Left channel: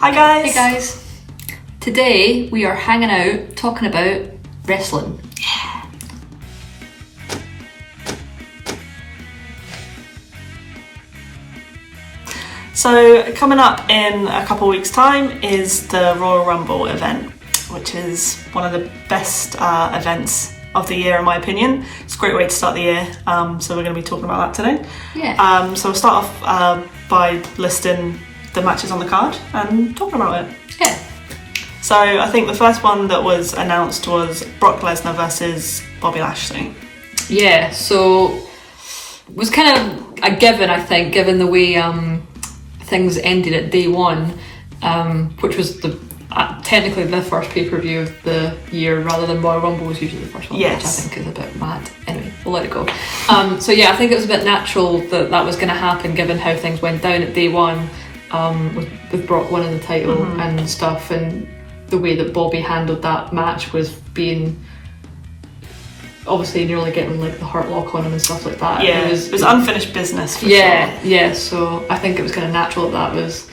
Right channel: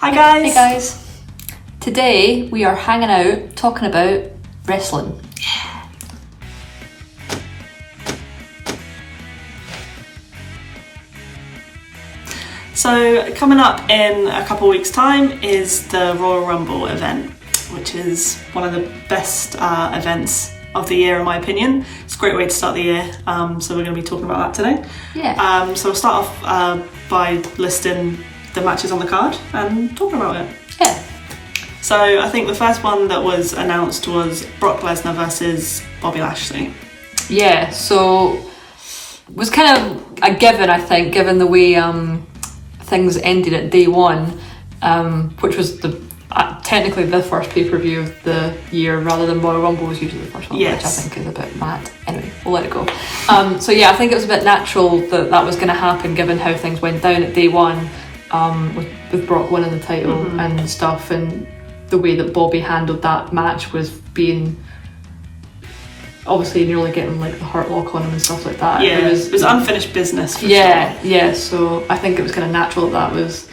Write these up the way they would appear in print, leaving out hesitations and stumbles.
Hi guys! Hey guys! Today we are hanging out talking about wrestling. Yeah. So coming up in a couple of weeks' time is the Royal Rumble event, which is one of the best events of the year in my opinion. It's a great way to start the year, so we're going to be talking about that today. Yeah. So we'll start off by listing the matches on the card and talking about it. Yeah. So I think the first one that was announced was Brock Lesnar versus Bobby Lashley. Yeah, so it was kind of a given, I think, given the way things ended at day one, which was technically the first pay-per-view of the year rather than Royal Rumble was usually the first one, yes. Which I think is a bit mad. Anyway, we'll let it go. So yeah, I think it was a bit natural that was going to happen given how things went down at day one, with Brock winning the title and stuff, and the way that Bobby handled that match was being obviously nearly getting like the hurt lock on him and stuff like that. Yeah, it was unfinished business for sure. Yeah, so I think it was kind of natural that was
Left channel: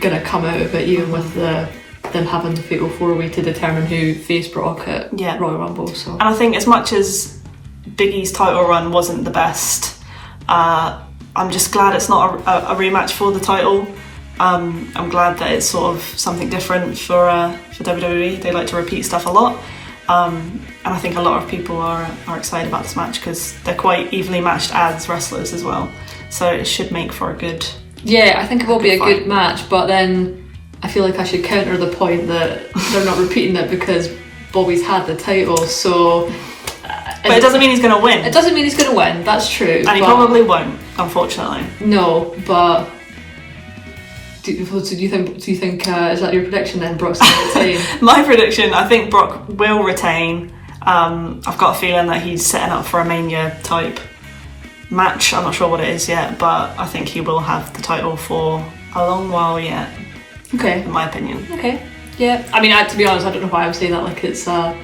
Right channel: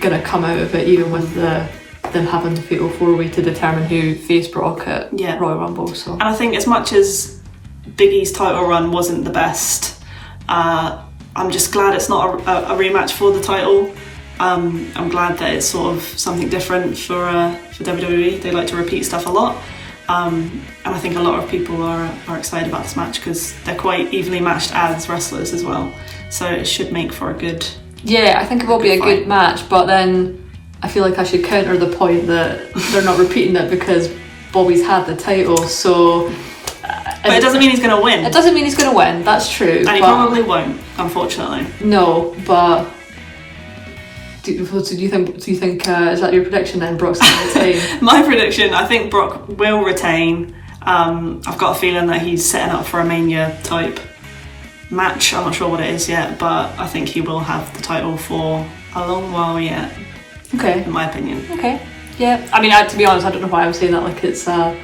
going to come out of it, even with them having the fatal four-way to determine who faced Brock at Royal Rumble. So. And I think as much as Big E's title run wasn't the best, I'm just glad it's not a rematch for the title. I'm glad that it's sort of something different for WWE. They like to repeat stuff a lot. And I think a lot of people are excited about this match because they're quite evenly matched as wrestlers as well. So it should make for a good... Yeah, I think it will be a good match, but then I feel like I should counter the point that they're not repeating it because Bobby's had the title, so... But it doesn't mean he's going to win. It doesn't mean he's going to win, that's true. And he probably won't, unfortunately. No, but... Do you think is that your prediction then, Brock's going to retain? My prediction, I think Brock will retain. I've got a feeling that he's setting up for a Mania type match. I'm not sure what it is yet, but I think he will have the title for a long while yet. Okay. In my opinion. Okay. Yeah. I mean, to be honest, I don't know why I'm saying that like it's a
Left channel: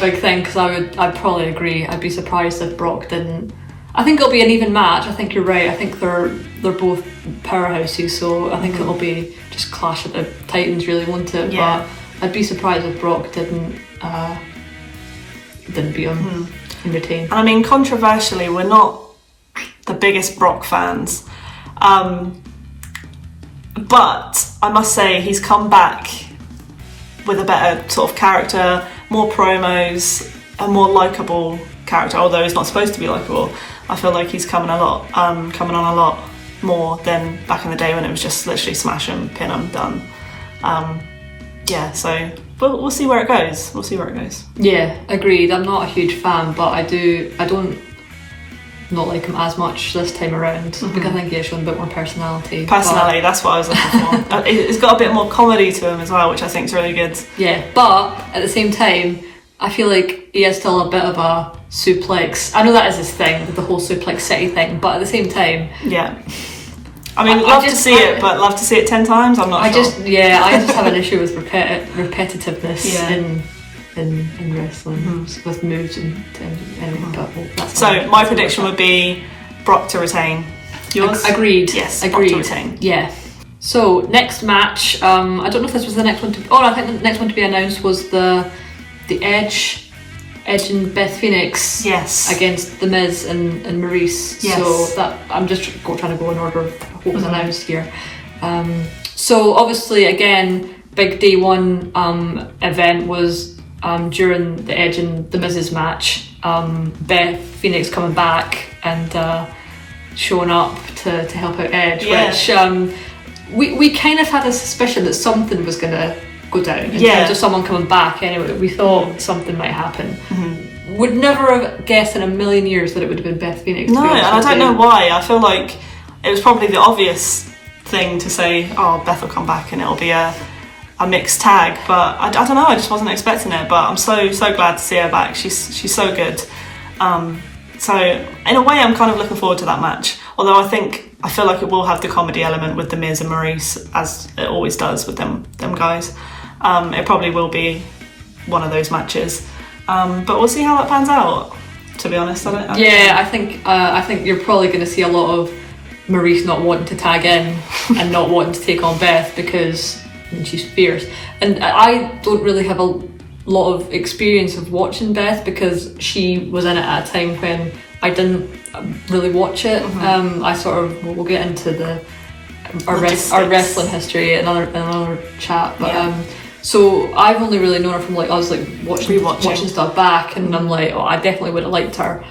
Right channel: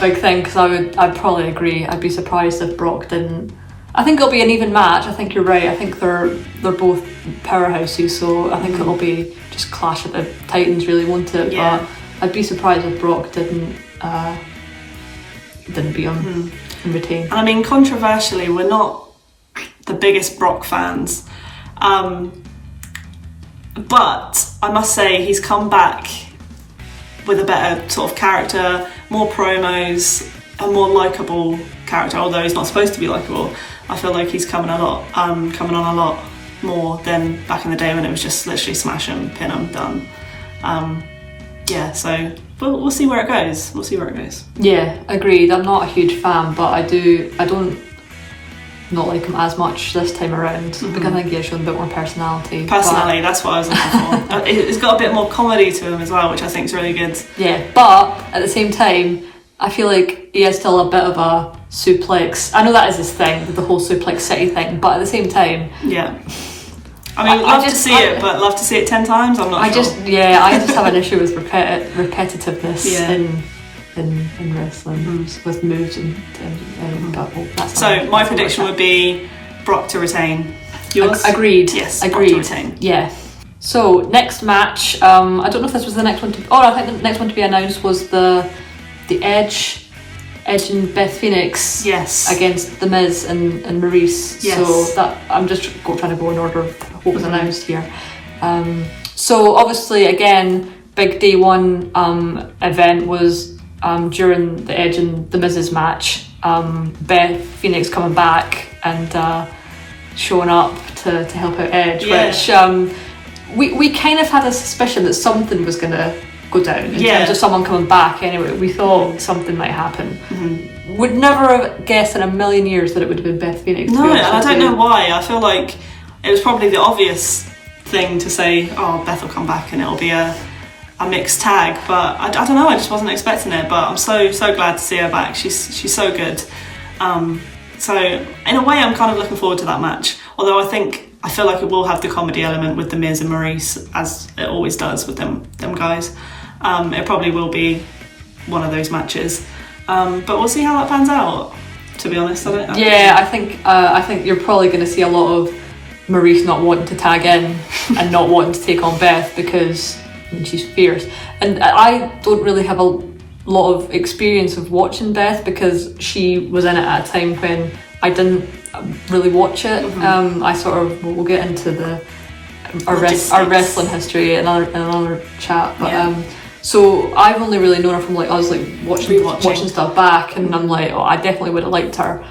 big thing, because I'd probably agree. I'd be surprised if Brock didn't. I think it'll be an even match. I think you're right. I think they're both powerhouses, so I think it'll be just clash at the Titans, really, won't it? Yeah. But I'd be surprised if Brock didn't beat him and retain. I mean, controversially, we're not the biggest Brock fans, but I must say he's come back with a better sort of character, more promos, a more likeable character. Although he's not supposed to be likeable, I feel like he's coming on a lot more than back in the day when it was just literally smash him, pin him, done. So we'll see where it goes. Yeah, agreed. I'm not a huge fan, but I don't not like him as much this time around because I think he's shown a bit more personality. That's what I was looking for. It's got a bit more comedy to him as well, which I think is really good. Yeah, but at the same time, I feel like he is still a bit of a suplex. I know that is his thing, the whole suplex city thing, but at the same time... Yeah. I mean, love to see it, but love to see it 10 times, I'm not sure. I just have an issue with repetitiveness in wrestling, with moves and that's so my prediction would be Brock to retain. Yours? Agreed. Yes, agreed. Brock to retain. Yeah. So, next match, I don't know if this was the next one I think the next one to be announced was the Edge and Beth Phoenix against The Miz and Maurice. Yes. So that I'm just trying to go in order of what was announced here. So obviously again, big day one event was during the Edge and The Miz's match. Beth Phoenix coming back and showing up to help out Edge, which we kind of had a suspicion that something was going to go down in terms of someone coming back. Anyway, we thought something might happen. Would never have guessed in a million years that it would have been Beth Phoenix. No, and I don't know why. I feel like it was probably the obvious thing to say, oh, Beth will come back and it'll be a mixed tag, but I don't know, I just wasn't expecting it, but I'm so glad to see her back. She's so good. So in a way I'm kind of looking forward to that match, although I feel like it will have the comedy element with The Miz and Maurice, as it always does with them guys. It probably will be one of those matches, but we'll see how that pans out, to be honest. I think you're probably going to see a lot of Maurice not wanting to tag in and not wanting to take on Beth because she's fierce. And I don't really have a lot of experience of watching Beth because she was in it at a time when I didn't really watch it. I sort of, we'll get into our wrestling history in another chat, but so I've only really known her from like, I was like watching stuff back, and I'm like, oh, I definitely would have liked her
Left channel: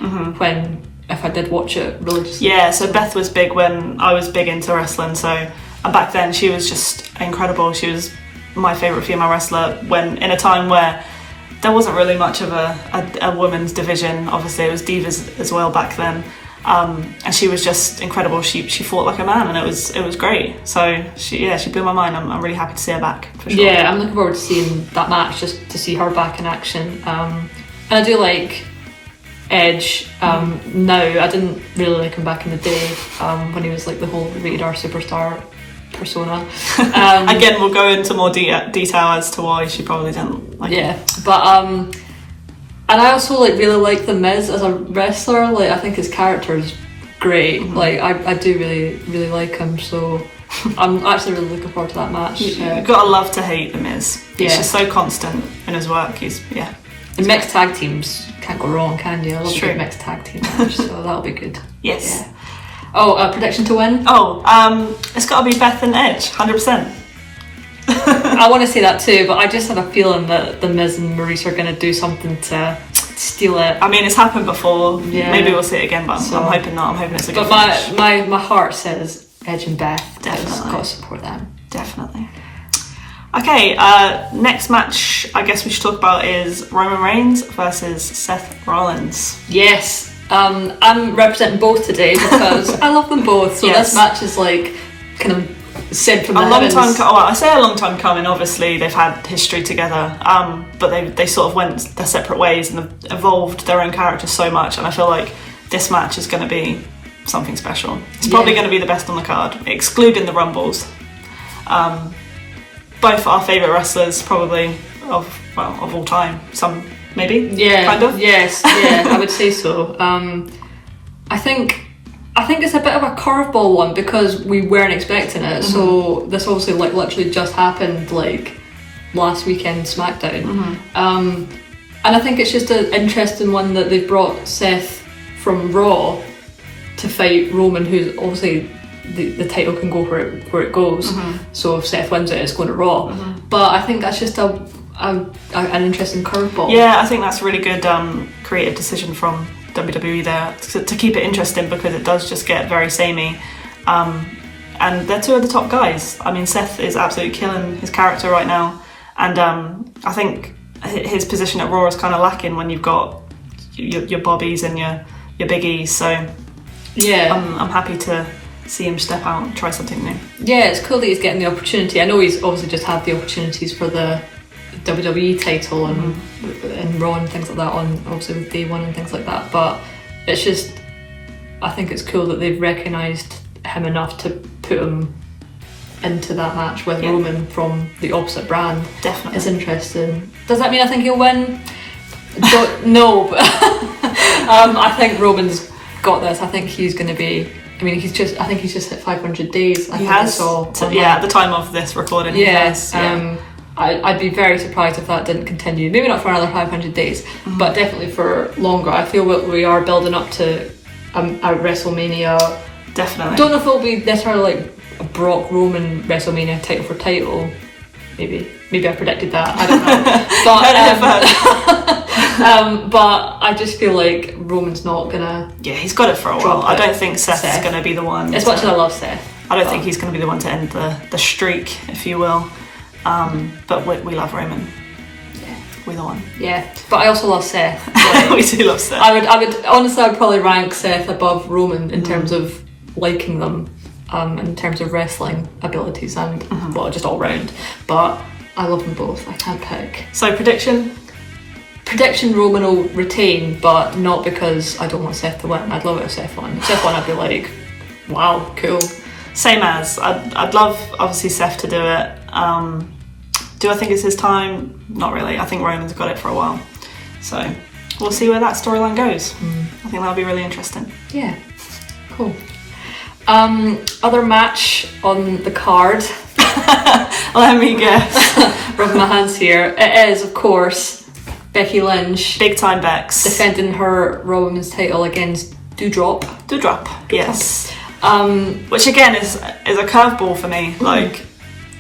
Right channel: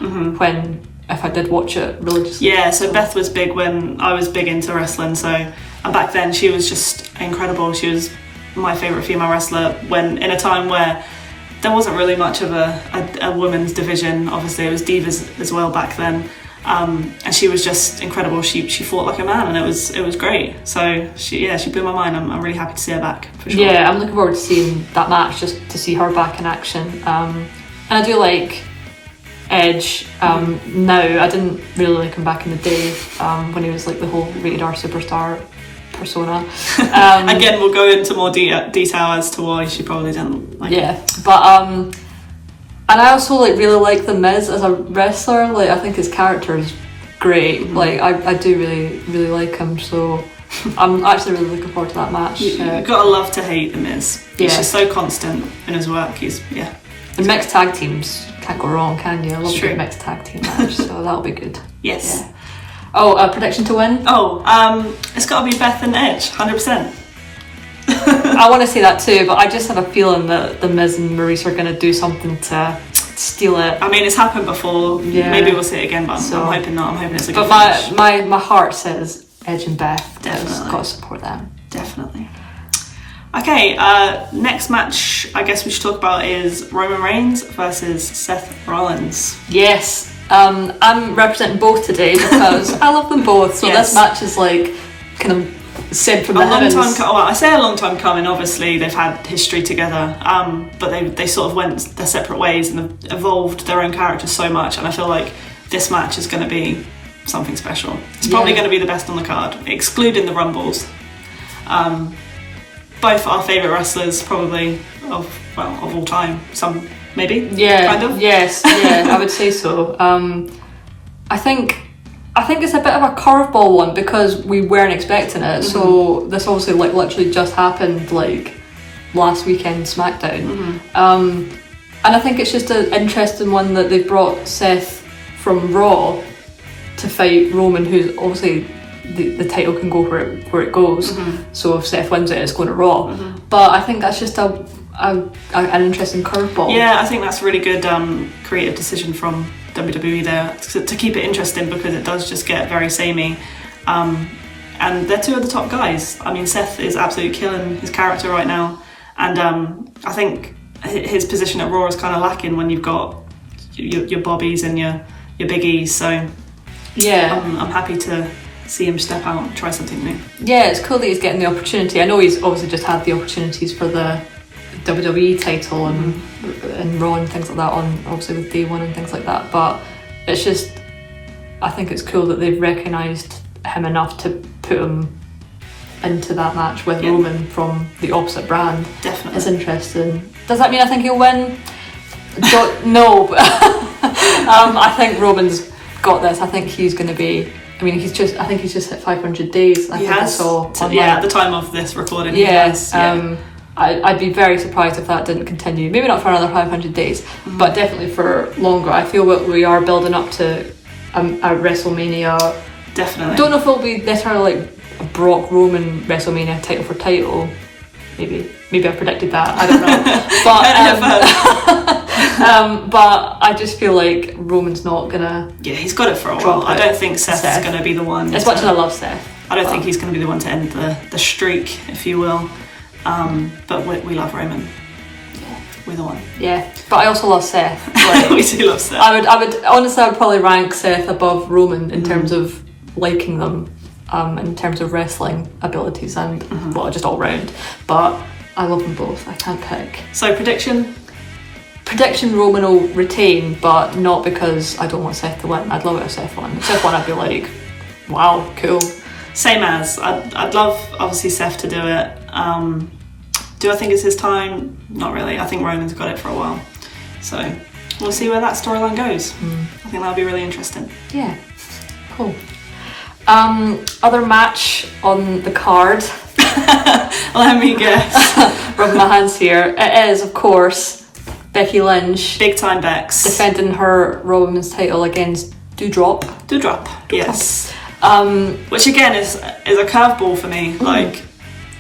if I did watch it religiously. Yeah, so Beth was big when I was big into wrestling, so, and back then she was just incredible. She was my favourite female wrestler when in a time where there wasn't really much of a women's division. Obviously it was divas as well back then, and she was just incredible. She fought like a man, and it was great. So she blew my mind. I'm really happy to see her back, for sure. Yeah, I'm looking forward to seeing that match, just to see her back in action. And I do like Edge now. I didn't really like him back in the day when he was like the whole rated R superstar persona. Again, we'll go into more detail as to why she probably didn't like him. But and I also like really like The Miz as a wrestler. Like, I think his character is great. Like, I do really like him, so I'm actually really looking forward to that match. You've got to love to hate The Miz. He's just so constant in his work. And mixed tag teams, can't go wrong, can you? I love a good mixed tag team match, so that'll be good. Yes. Yeah. Oh, prediction to win? It's got to be Beth and Edge, 100%. I want to say that too, but I just have a feeling that The Miz and Maurice are going to do something to steal it. I mean, it's happened before. Yeah. Maybe we'll see it again, but I'm hoping not. I'm hoping it's a good finish. But my heart says Edge and Beth. Definitely. Got to support them. Definitely. Okay, next match I guess we should talk about is Roman Reigns versus Seth Rollins. Yes. I'm representing both today because I love them both. So this match is like kind of sent from the heavens. I say a long time coming. Obviously, they've had history together, but they sort of went their separate ways and have evolved their own characters so much. And I feel like this match is going to be something special. It's probably going to be the best on the card, excluding the Rumbles. Both our favourite wrestlers, probably of all time. Some maybe, kind of. Yes, yeah, I would say so. I think it's a bit of a curveball one because we weren't expecting it. So this obviously like literally just happened like last weekend SmackDown, and I think it's just an interesting one that they've brought Seth from Raw to fight Roman, who's obviously the title can go where it goes. So if Seth wins it, it's going to Raw. But I think that's just an interesting curveball. Yeah, I think that's a really good creative decision from WWE there to keep it interesting, because it does just get very samey. And they're two of the top guys. I mean, Seth is absolutely killing his character right now, and I think his position at Raw is kind of lacking when you've got your Bobbies and your Big E's. So yeah, I'm happy to see him step out and try something new. Yeah, it's cool that he's getting the opportunity. I know he's obviously just had the opportunities for the WWE title and Raw and things like that on obviously with Day One and things like that, but it's just, I think it's cool that they've recognised him enough to put him into that match with Roman from the opposite brand. Definitely. It's interesting. Does that mean I think he'll win? No, but I think Roman's got this. I think he's going to be, I think he's just hit 500 days. He has. At the time of this recording. Yes. I'd be very surprised if that didn't continue. Maybe not for another 500 days, but definitely for longer. I feel that we are building up to a WrestleMania. Definitely. Don't know if it'll be necessarily like a Brock Roman WrestleMania title for title. Maybe I predicted that. I don't know. But I just feel like Roman's not gonna. Yeah, he's got it for a while. I don't think Seth's gonna be the one. As much as I love Seth, I don't think he's gonna be the one to end the streak, if you will. But we love Roman. Yeah. We're the one. Yeah, but I also love Seth. Like, we do love Seth. I would honestly, I'd probably rank Seth above Roman in terms of liking them, in terms of wrestling abilities and just all round. But I love them both. I can't pick. So prediction Roman will retain, but not because I don't want Seth to win. I'd love it if Seth won. If Seth won, I'd be like, wow, cool. Same as I'd love obviously Seth to do it. Do I think it's his time? Not really. I think Roman's got it for a while. So we'll see where that storyline goes. I think that'll be really interesting. Yeah, cool. Other match on the card. Let me guess. Rubbing my hands here. It is, of course, Becky Lynch. Big time Bex. Defending her Raw Women's title against Doudrop. Doudrop, yes. Which again is a curveball for me. Like,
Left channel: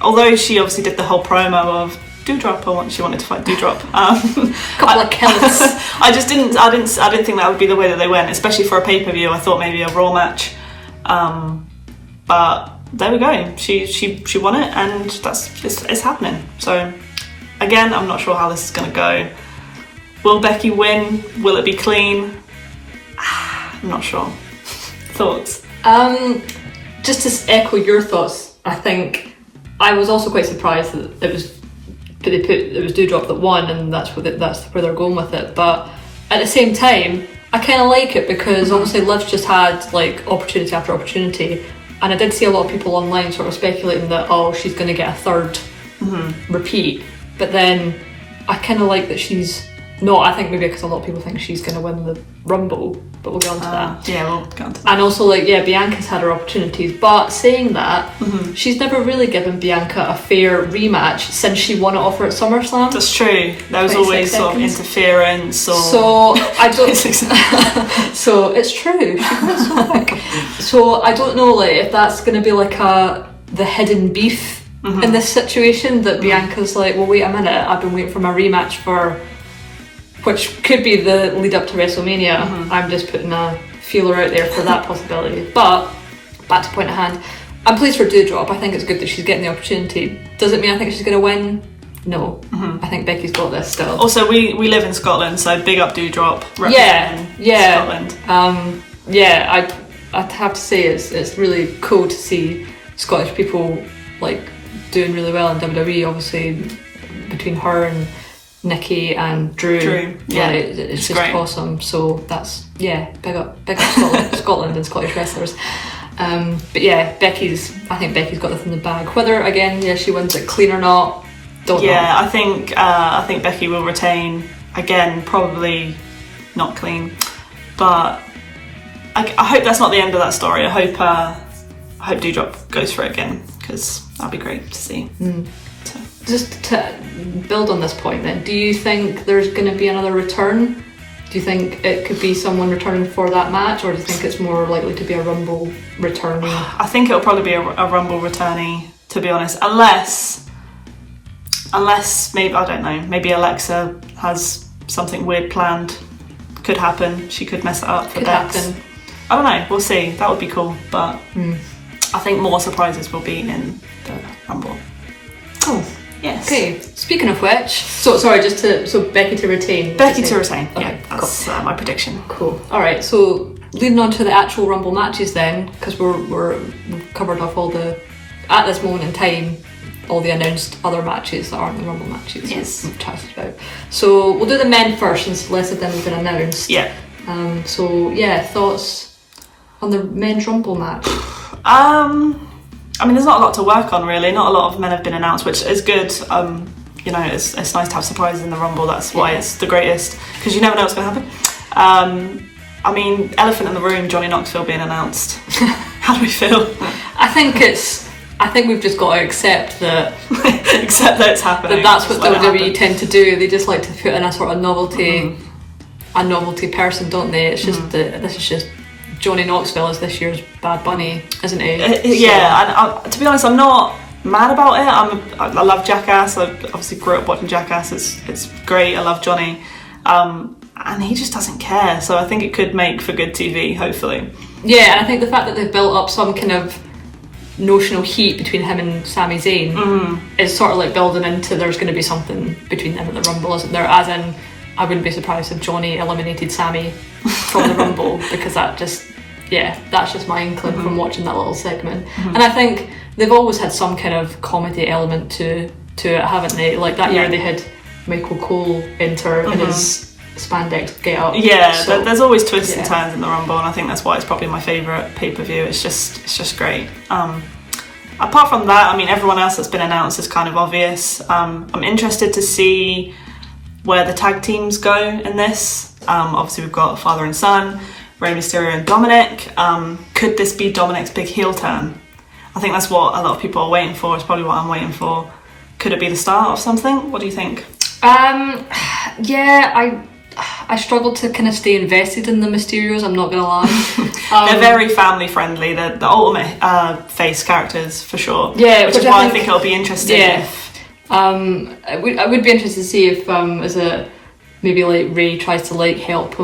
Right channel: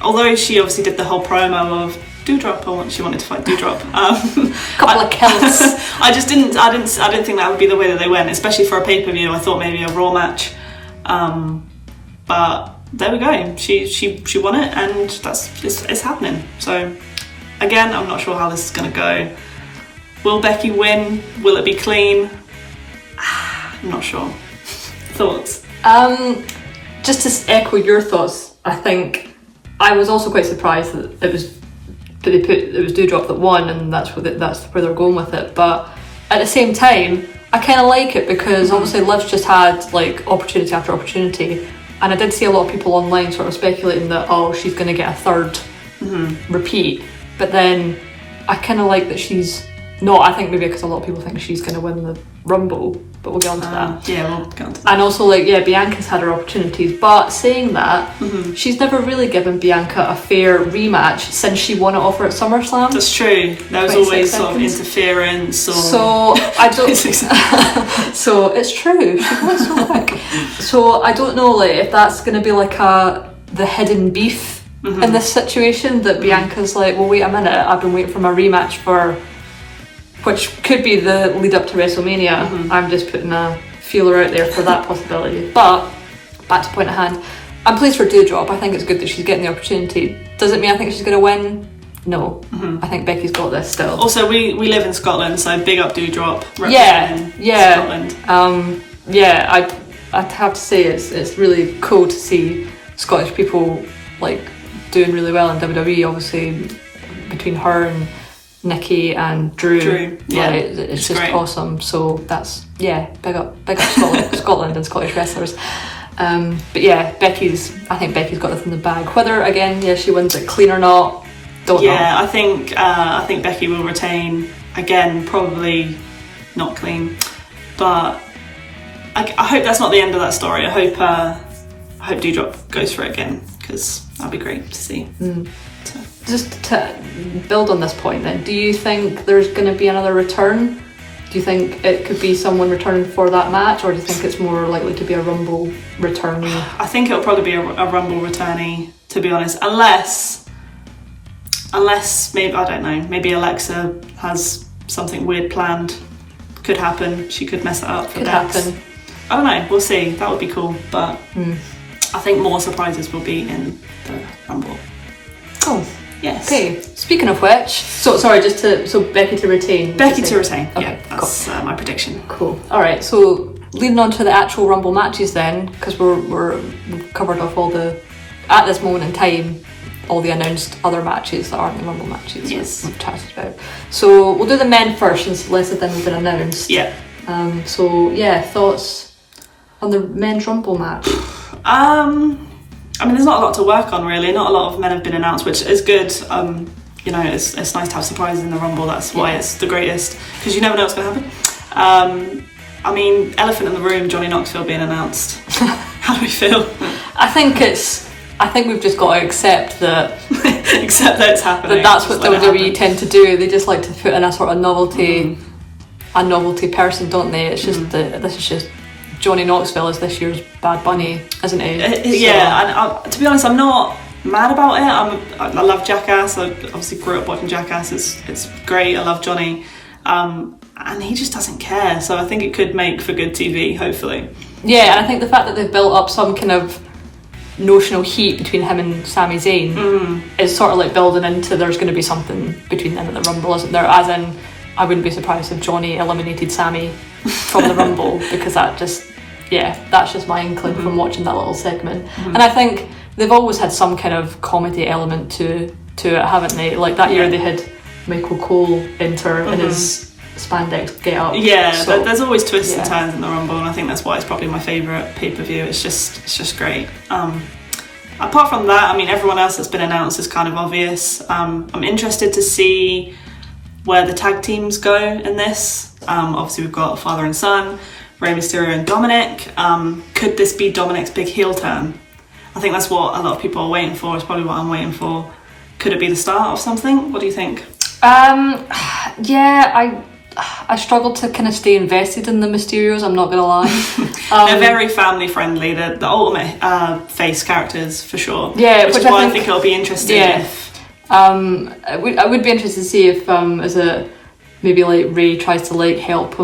although she obviously did the whole promo of Doudrop, she wanted to fight Doudrop. Couple of kills. I didn't think that would be the way that they went, especially for a pay-per-view. I thought maybe a Raw match. But there we go. She won it, and it's happening. So again, I'm not sure how this is going to go. Will Becky win? Will it be clean? I'm not sure. Thoughts? Just to echo your thoughts, I think I was also quite surprised that it was Doudrop that won, and that's where they're going with it. But at the same time, I kind of like it because obviously Liv's just had like opportunity after opportunity, and I did see a lot of people online sort of speculating that she's going to get a third repeat. But then I kind of like that she's not. I think maybe because a lot of people think she's going to win the Rumble, but we'll get onto that. Yeah, we'll get onto that. And also, Bianca's had her opportunities, but saying that, she's never really given Bianca a fair rematch since she won it off her at SummerSlam. That's true. There was always sort of interference. Or... So I don't. So it's true. She goes so quick. So I don't know, if that's going to be the hidden beef in this situation. That Bianca's like, well, wait a minute. I've been waiting for my rematch for. Which could be the lead up to WrestleMania. I'm just putting a feeler out there for that possibility. But back to point at hand, I'm pleased for Doudrop. I think it's good that she's getting the opportunity. Does it mean I think she's going to win? No. I think Becky's got this still. Also, we live in Scotland, so big up Doudrop representing Scotland. I'd have to say it's really cool to see Scottish people doing really well in WWE. Obviously, between her and Nikki and Drew. Yeah, it's just great. Awesome. So that's big up Scotland and Scottish wrestlers. But yeah, I think Becky's got this in the bag. Whether again, she wins it clean or not, don't know. Yeah, I think Becky will retain again, probably not clean, but I hope that's not the end of that story. I hope Doudrop goes for it again, because that'd be great to see. So. Just to build on this point then, do you think there's going to be another return? Do you think it could be someone returning for that match, or do you think it's more likely to be a Rumble returnee? I think it'll probably be a Rumble returnee, to be honest, unless maybe, I don't know, maybe Alexa has something weird planned. Could happen. She could mess it up for Bex. I don't know, we'll see. That would be cool, but I think more surprises will be in the Rumble. Oh, yes. Okay. Speaking of which, so Becky to retain. Becky to retain. Okay, yeah, that's cool. My prediction. Cool. All right. So leading on to the actual Rumble matches then, because we've covered off at this moment in time, all the announced other matches that aren't the Rumble matches. Yes. We've chatted about. So we'll do the men first, since less of them have been announced. Yeah. Thoughts on the men's Rumble match? I mean, there's not a lot to work on, really. Not a lot of men have been announced, which is good. It's nice to have surprises in the Rumble. That's why it's the greatest, because you never know what's going to happen. I mean, elephant in the room, Johnny Knoxville being announced. How do we feel? I think we've just got to accept that. Accept that it's happening. That's what WWE tend to do. They just like to put in a sort of novelty, a novelty person, don't they? It's just this is just. Johnny Knoxville is this year's Bad Bunny, isn't he? And to be honest, I'm not mad about it. I love Jackass. I obviously grew up watching Jackass. It's great. I love Johnny, and he just doesn't care. So I think it could make for good TV, hopefully. Yeah, and I think the fact that they've built up some kind of notional heat between him and Sami Zayn is sort of like building into there's going to be something between them at the Rumble, isn't there? As in, I wouldn't be surprised if Johnny eliminated Sami from the Rumble, because that's just my inkling from watching that little segment. And I think they've always had some kind of comedy element to it, haven't they? Like that year they had Michael Cole enter in his spandex get up. Yeah, so, there's always twists and turns in the Rumble, and I think that's why it's probably my favourite pay-per-view. It's just great. Apart from that, I mean, everyone else that's been announced is kind of obvious. I'm interested to see where the tag teams go in this. Obviously we've got father and son, Rey Mysterio and Dominic. Could this be Dominic's big heel turn? I think that's what a lot of people are waiting for. It's probably what I'm waiting for. Could it be the start of something? What do you think? Yeah, I struggled to kind of stay invested in the Mysterios, I'm not going to lie. They're very family friendly. They're the ultimate face characters for sure. Yeah, which is why I think it'll be interesting. Yeah. If I would be interested to see if maybe like Ray tries to like help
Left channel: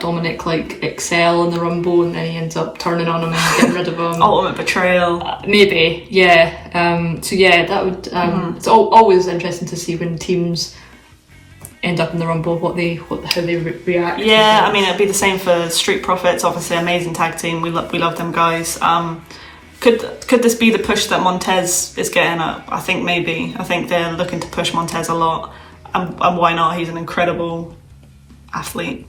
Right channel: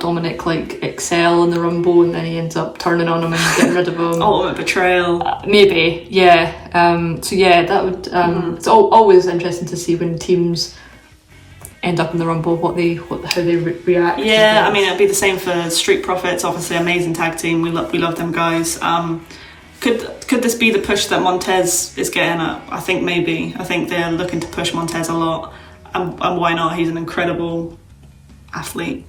Dominic like excel in the Rumble, and then he ends up turning on him and getting rid of him. ultimate betrayal. Maybe, yeah. So yeah, that would. It's always interesting to see when teams end up in the Rumble, how they react. Yeah, I mean, it'd be the same for Street Profits. Obviously, amazing tag team. We love them guys. Could this be the push that Montez is getting at? I think maybe. I think they're looking to push Montez a lot, and why not? He's an incredible athlete,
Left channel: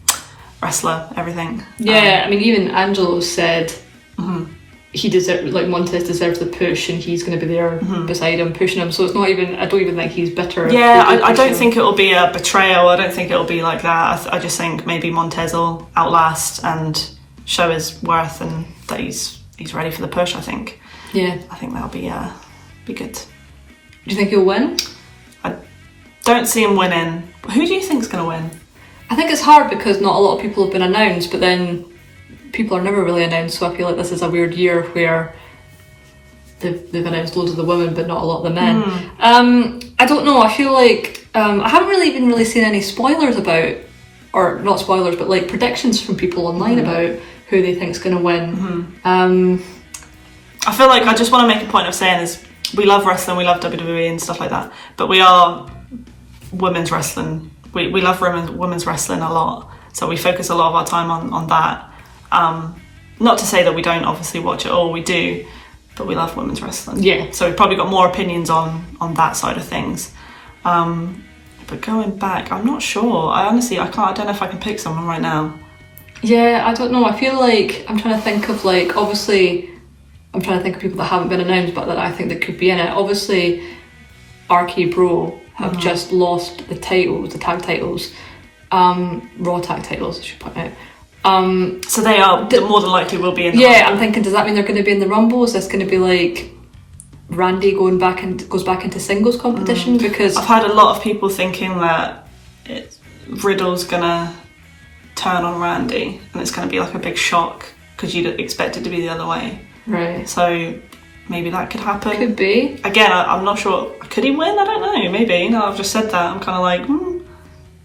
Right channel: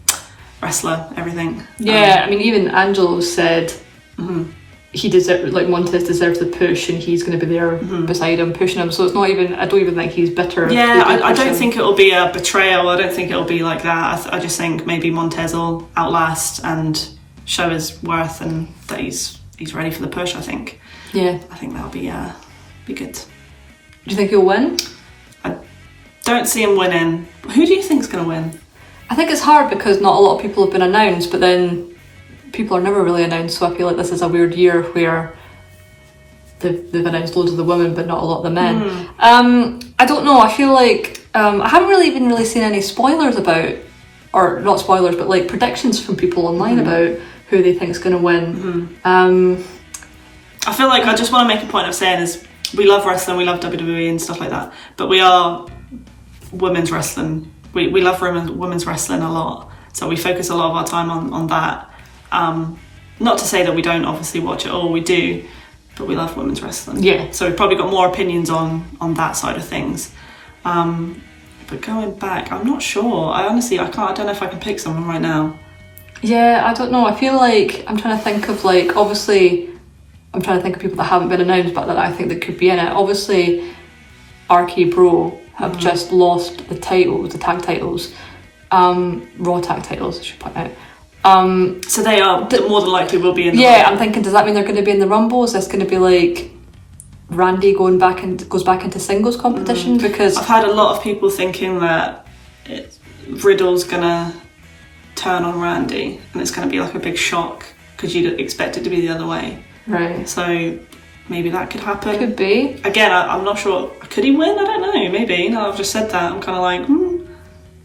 wrestler, everything. Yeah, I mean, even Angelo said Montez deserves the push, and he's going to be there beside him, pushing him. So it's not even. I don't even think he's bitter. Yeah, I don't think it'll be a betrayal. I don't think it'll be like that. I just think maybe Montez will outlast and show his worth, and that he's ready for the push. I think. Yeah, I think that'll be good. Do you think he'll win? I don't see him winning. Who do you think's going to win? I think it's hard because not a lot of people have been announced, but then people are never really announced, so I feel like this is a weird year where they've announced loads of the women but not a lot of the men. I don't know, I feel like I haven't really seen any spoilers about, or not spoilers, but like predictions from people online about who they think is going to win. I feel like I just want to make a point of saying is we love wrestling, we love WWE and stuff like that, but we are women's wrestling. We love women's wrestling a lot, so we focus a lot of our time on that. Not to say that we don't obviously watch it all, we do, but we love women's wrestling. Yeah. So we've probably got more opinions on that side of things. But going back, I'm not sure. I don't know if I can pick someone right now. Yeah, I don't know. I feel like I'm trying to think of like, obviously, I'm trying to think of people that haven't been announced but that I think that could be in it. Obviously, RK Bro have just lost the tag titles, Raw tag titles, I should point out. So they are more than likely will be in the Rumble. I'm thinking, does that mean they're going to be in the Rumble? Is this going to be like Randy goes back into singles competition? Because I've had a lot of people thinking that Riddle's going to turn on Randy and it's going to be like a big shock because you'd expect it to be the other way. Right. So maybe that could happen. Could be. Again, I'm not sure. Could he win? I don't know. Maybe. Now I've just said that, I'm kind of like,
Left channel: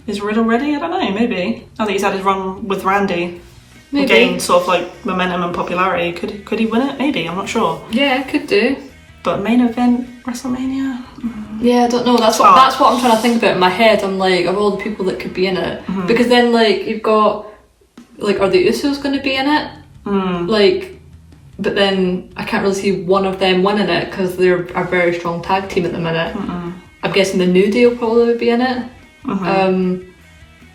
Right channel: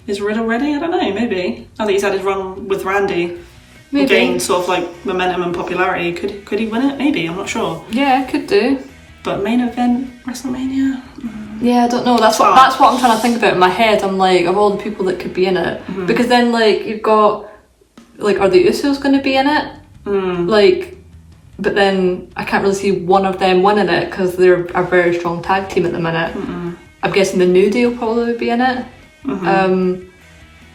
is Riddle ready? I don't know. Maybe. Now that he's had his run with Randy, maybe gained sort of like momentum and popularity. Could he win it? Maybe. I'm not sure. Yeah, could do. But main event WrestleMania. Yeah, I don't know. That's what I'm trying to think about in my head. I'm like, of all the people that could be in it, because then like you've got like, are the Usos going to be in it? Like. But then I can't really see one of them winning it because they're a very strong tag team at the minute. I'm guessing the New Day will probably be in it,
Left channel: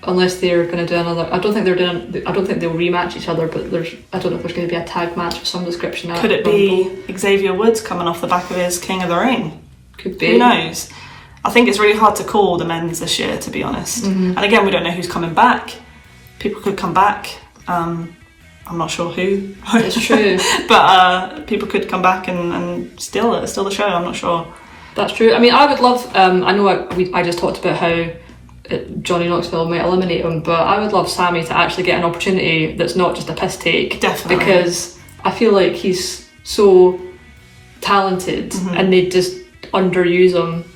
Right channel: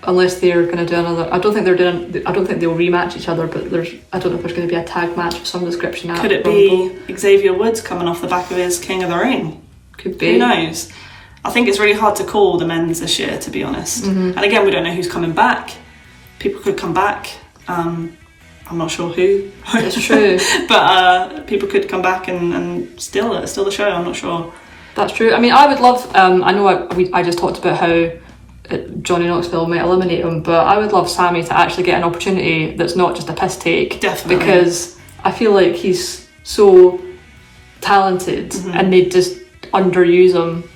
unless they're going to do another. I don't think they'll rematch each other. But I don't know if there's going to be a tag match of some description. Could it be Xavier Woods coming off the back of his King of the Ring? Could be. Who knows? I think it's really hard to call the men's this year, to be honest. And again, we don't know who's coming back. People could come back. I'm not sure who. It's true. But people could come back and steal the show. I'm not sure. That's true. I mean, I would love. I know I just talked about how Johnny Knoxville might eliminate him, but I would love Sammy to actually get an opportunity that's not just a piss take. Definitely. Because I feel like he's so talented, and they just underuse him.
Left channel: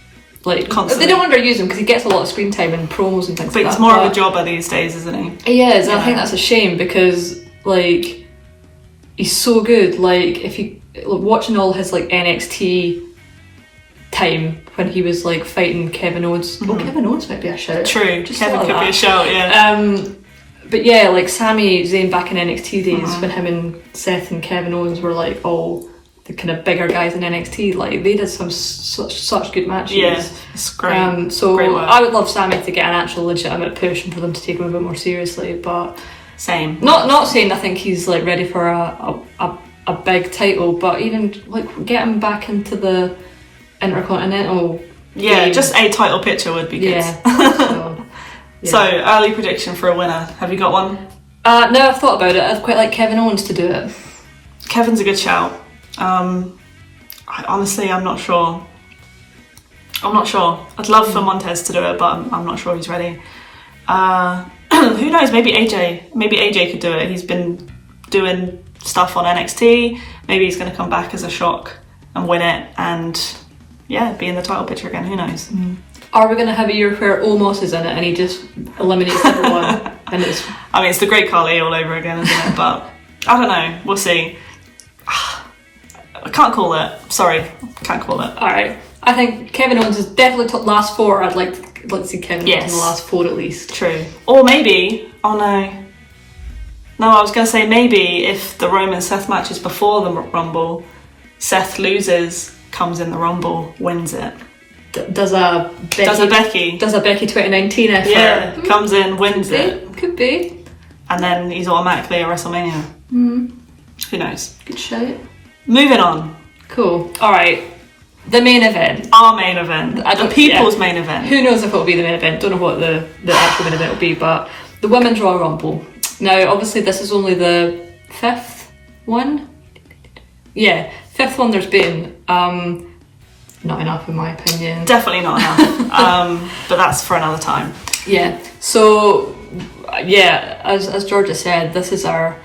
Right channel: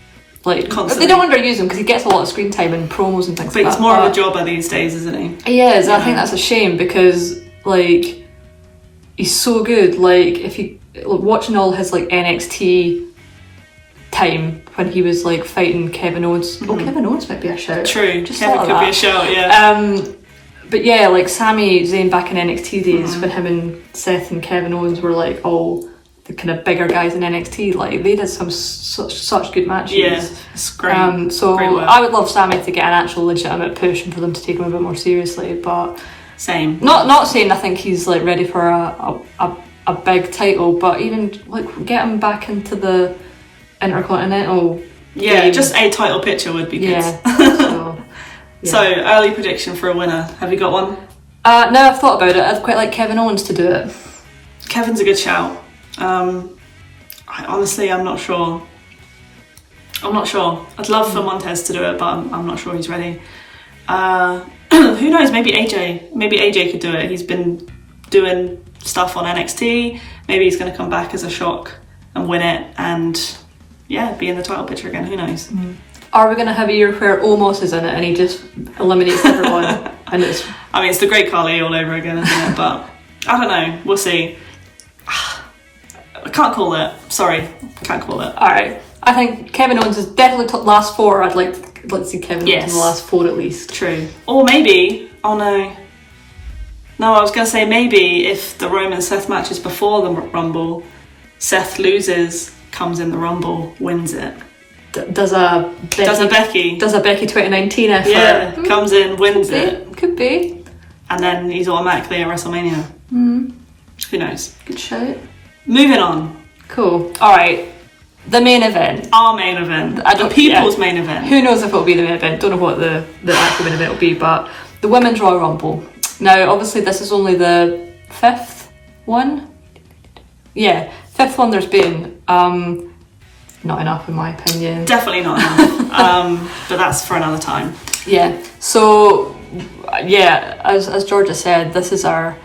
Like, constantly. They don't underuse him because he gets a lot of screen time and promos and things like that. But he's more of a jobber these days, isn't he? He is. I think that's a shame because, like, he's so good. Like, if you watching all his like NXT time when he was like fighting Kevin Owens. Kevin Owens might be a shout. True, just Kevin could be a shout. Yeah. But yeah, like Sami Zayn back in NXT days when him and Seth and Kevin Owens were like all the kind of bigger guys in NXT. Like they did some such good matches. Yeah, it's great. So great work. I would love Sami to get an actual legitimate push and for them to take him a bit more seriously. But same. Not saying I think he's like ready for a big title, but even like get him back into the Intercontinental. Yeah, game. Just a title picture would be good. Yeah. So early prediction for a winner. Have you got one? No, I've thought about it. I'd quite like Kevin Owens to do it. Kevin's a good shout. Honestly, I'm not sure. I'd love for Montez to do it, but I'm not sure he's ready. Who knows? Maybe AJ. Maybe AJ could do it. He's been doing stuff on NXT. Maybe he's going to come back as a shock and win it, and be in the title picture again. Who knows? Are we going to have a year where Omos is in it and he just eliminates everyone? And it's the Great Khali all over again, isn't it? But I don't know. We'll see. I can't call it. Sorry, can't call it. All right. I think Kevin Owens is definitely last 4. I'd like to see Kevin Owens in the last 4 at least. True. Or maybe. Oh no. No, I was going to say maybe if the Roman Seth match is before the Rumble, Seth loses, comes in the Rumble, wins it. Does a Becky 2019 effort. Yeah, comes in, wins it. Could be. And then he's automatically at WrestleMania. Who knows? Good shout. Moving on. Cool. All right. The main event. Our main event. The people's main event. Who knows if it'll be the main event. Don't know what the actual main event will be, but the Women's Royal Rumble. Now, obviously, this is only the 5th one. Yeah, 5th one there's been. Not enough in my opinion. Definitely not enough. But that's for another time. Yeah. So, as Georgia said, this is our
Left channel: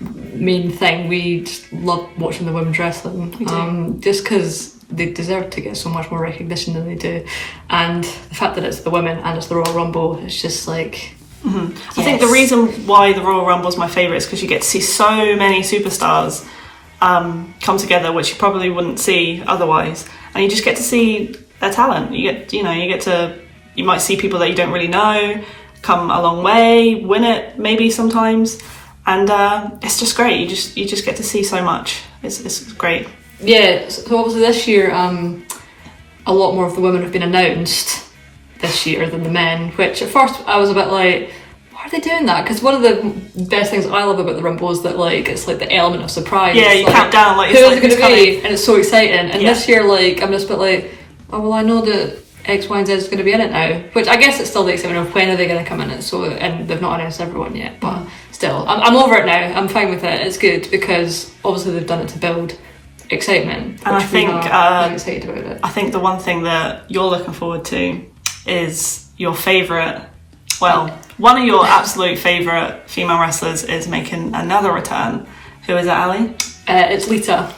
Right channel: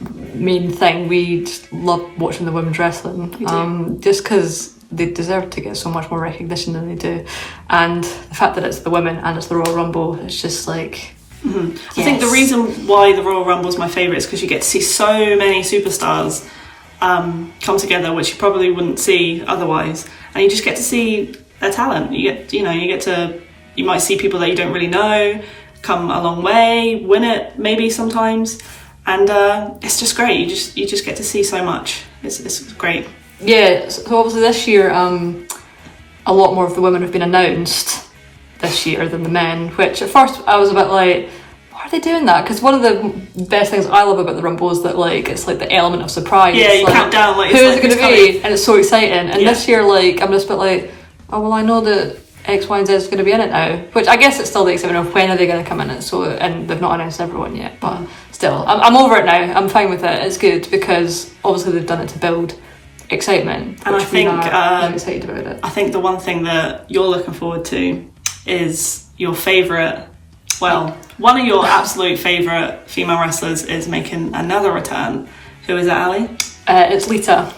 main thing. We just love watching the women's wrestling. We do. Just because they deserve to get so much more recognition than they do. And the fact that it's the women and it's the Royal Rumble, it's just like... Yes. I think the reason why the Royal Rumble is my favourite is because you get to see so many superstars come together, which you probably wouldn't see otherwise, and you just get to see their talent. You might see people that you don't really know come a long way, win it maybe sometimes, and it's just great. You just get to see so much. It's great. Yeah. So obviously this year, a lot more of the women have been announced this year than the men, which at first I was a bit like, why are they doing that? Because one of the best things I love about the Rumble is that it's like the element of surprise. Yeah, you count down who is it going to be, and it's so exciting. And this year, I'm just a bit like, oh well, I know that X, Y, and Z is going to be in it now. Which I guess it's still the excitement of when are they going to come in it. So, and they've not announced everyone yet, but still, I'm over it now. I'm fine with it. It's good because obviously they've done it to build excitement. And I think I'm excited about it. I think the one thing that you're looking forward to is your favourite. Well, one of your absolute favourite female wrestlers is making another return. Who is it, Ali? It's Lita.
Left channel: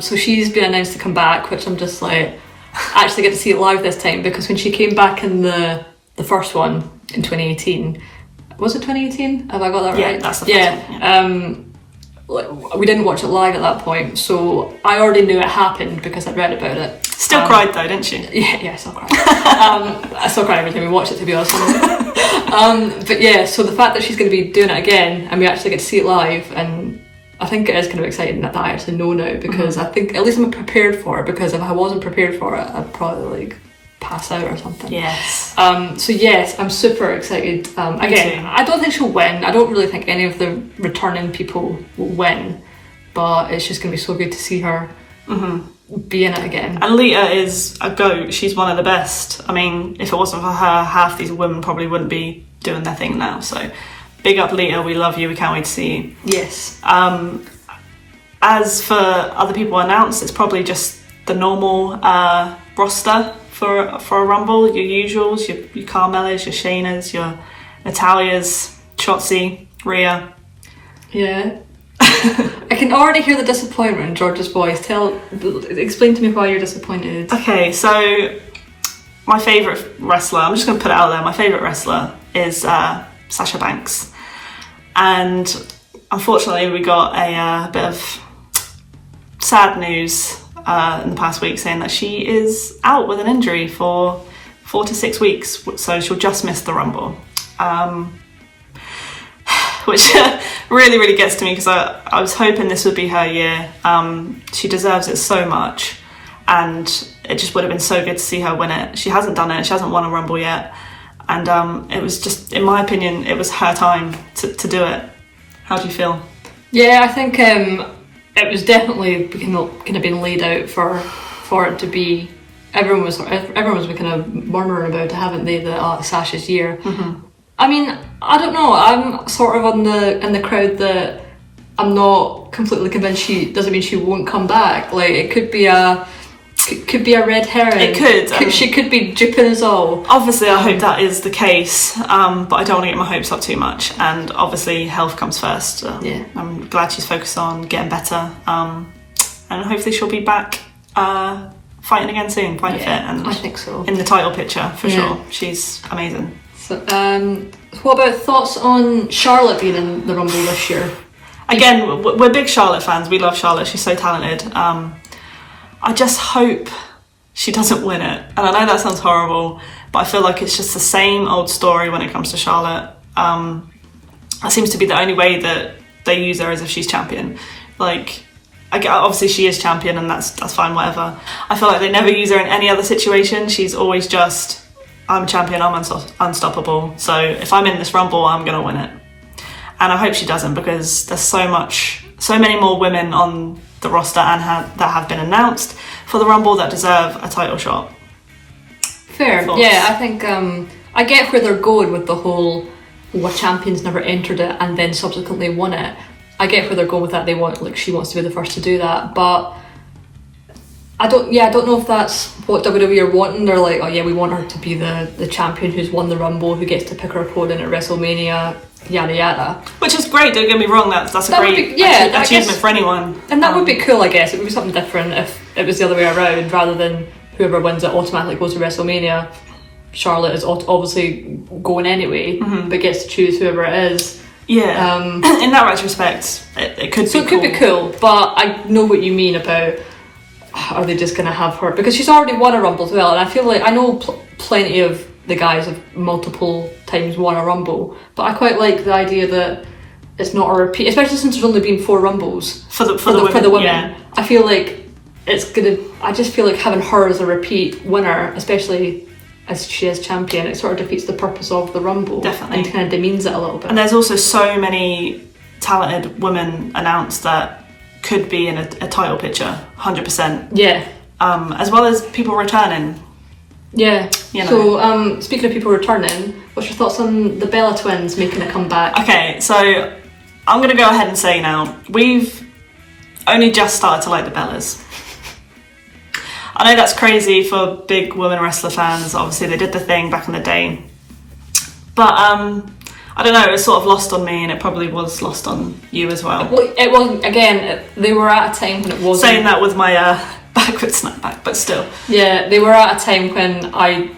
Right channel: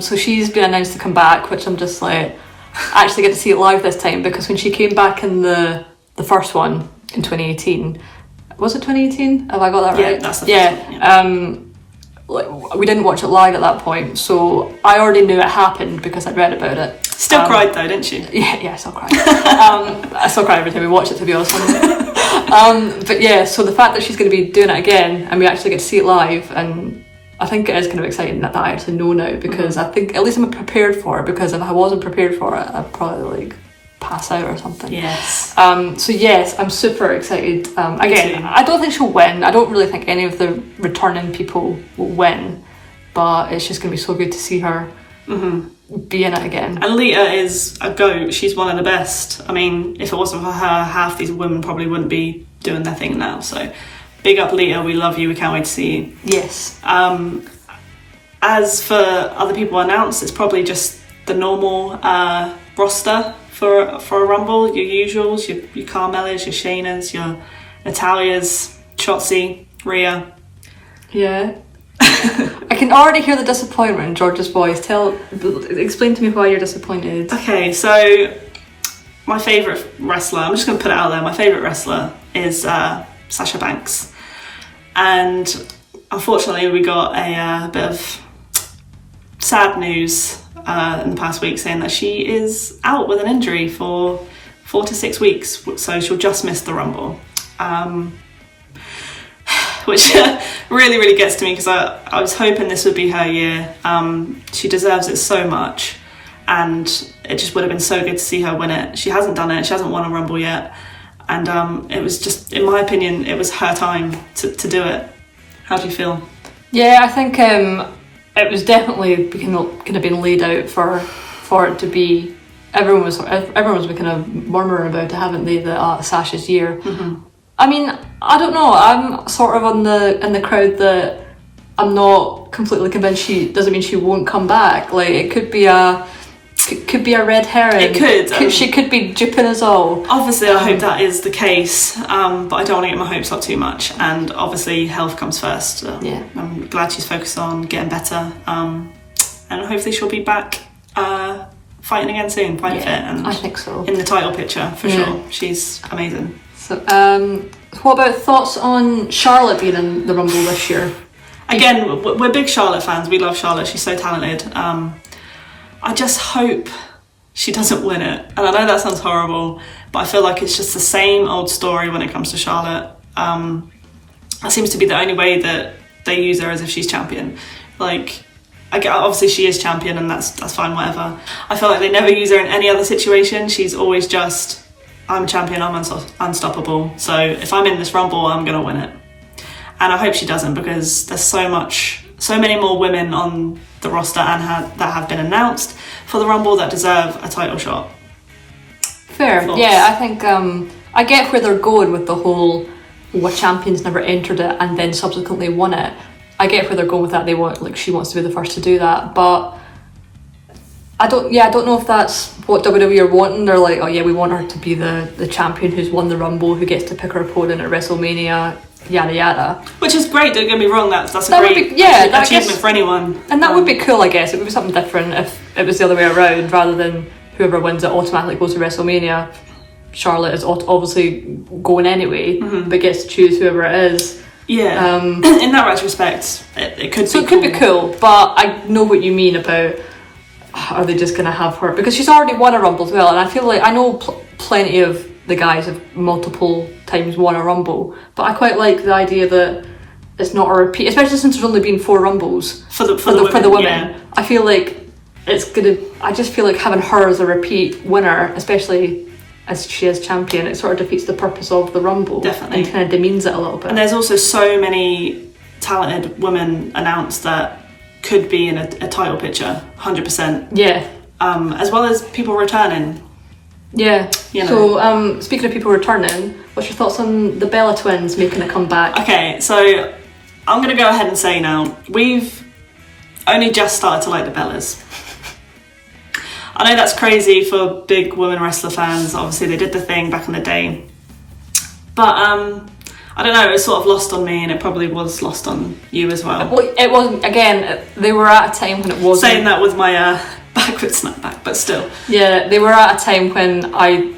So she's been announced to come back, which I'm just like, I actually get to see it live this time because when she came back in the first one in 2018, was it 2018? Have I got that right? Yeah, that's the first one. Yeah. We didn't watch it live at that point, so I already knew it happened because I'd read about it. Still cried though, didn't she? Yeah, I still cry. I still cry every time we watch it, to be honest with you. But yeah, so the fact that she's going to be doing it again and we actually get to see it live, and I think it is kind of exciting that I actually know now because I think at least I'm prepared for it, because if I wasn't prepared for it, I'd probably pass out or something. Yes. So yes, I'm super excited. Again, I don't think she'll win. I don't really think any of the returning people will win, but it's just going to be so good to see her be in it again. And Lita is a GOAT. She's one of the best. I mean, if it wasn't for her, half these women probably wouldn't be doing their thing now. So big up Lita, we love you, we can't wait to see you. Yes. As for other people announced, it's probably just the normal roster for a Rumble, your usuals, your Carmelas, your Shaynas, your Natalias, Shotzi, Rhea. Yeah. I can already hear the disappointment in George's voice. Explain to me why you're disappointed. Okay, so my favourite wrestler, I'm just going to put it out there, my favourite wrestler is Sasha Banks. And unfortunately we got a bit of sad news in the past week saying that she is out with an injury for 4 to 6 weeks, so she'll just miss the Rumble. Which really, really gets to me because I was hoping this would be her year. She deserves it so much, and it just would have been so good to see her win it. She hasn't done it, she hasn't won a Rumble yet, and it was just, in my opinion, it was her time to do it. How do you feel? Yeah, I think it was definitely kind of been laid out for it to be. Everyone was kind of murmuring about it, haven't they? That Sasha's year. I mean, I don't know. I'm sort of in the crowd that I'm not completely convinced she doesn't mean she won't come back. Like, it could be a red herring. It could. She could be duping us all. Obviously, I hope that is the case, but I don't want to get my hopes up too much. And obviously, health comes first. Yeah. I'm glad she's focused on getting better, and hopefully she'll be back fighting again soon, quite fit, and I think so. in the title picture for sure. She's amazing. So, what about thoughts on Charlotte being in the Rumble this year? Again, we're big Charlotte fans. We love Charlotte. She's so talented. I just hope she doesn't win it. And I know that sounds horrible, but I feel like it's just the same old story when it comes to Charlotte. That seems to be the only way that they use her, as if she's champion. Like, obviously she is champion, and that's fine, whatever. I feel like they never use her in any other situation. She's always just, I'm champion, I'm unstoppable. So if I'm in this Rumble, I'm going to win it. And I hope she doesn't, because there's so many more women on the roster and that have been announced for the Rumble that deserve a title shot. Fair. Thoughts? Yeah, I think I get where they're going with the whole a champion's never entered it and then subsequently won it. I get where they're going with that. She wants to be the first to do that, but I don't know if that's what WWE are wanting. They're like, oh yeah, we want her to be the champion who's won the Rumble, who gets to pick her opponent at WrestleMania, yada yada. Which is great, don't get me wrong, that's a great achievement for anyone. And that would be cool, I guess. It would be something different if it was the other way around, rather than whoever wins it automatically goes to WrestleMania. Charlotte is obviously going anyway, but gets to choose whoever it is. Yeah, in that retrospect, it could be cool. It could be cool, but I know what you mean about, are they just going to have her? Because she's already won a Rumble as well, and I feel like I know plenty of the guys have multiple times won a Rumble, but I quite like the idea that it's not a repeat, especially since there's only been 4 Rumbles for the women. Yeah. I feel like I just feel like having her as a repeat winner, especially as she is champion, it sort of defeats the purpose of the Rumble. Definitely. And kind of demeans it a little bit. And there's also so many talented women announced that could be in a title picture, 100%. Yeah. As well as people returning. Yeah. You know. So, speaking of people returning, what's your thoughts on the Bella twins making a comeback? Okay, so I'm going to go ahead and say now, we've only just started to like the Bellas. I know that's crazy for big women wrestler fans. Obviously, they did the thing back in the day. But, I don't know, it was sort of lost on me, and it probably was lost on you as well. Well, it wasn't, again, they were at a time when it wasn't... Saying that with my backward snapback, but still. Yeah, they were at a time when I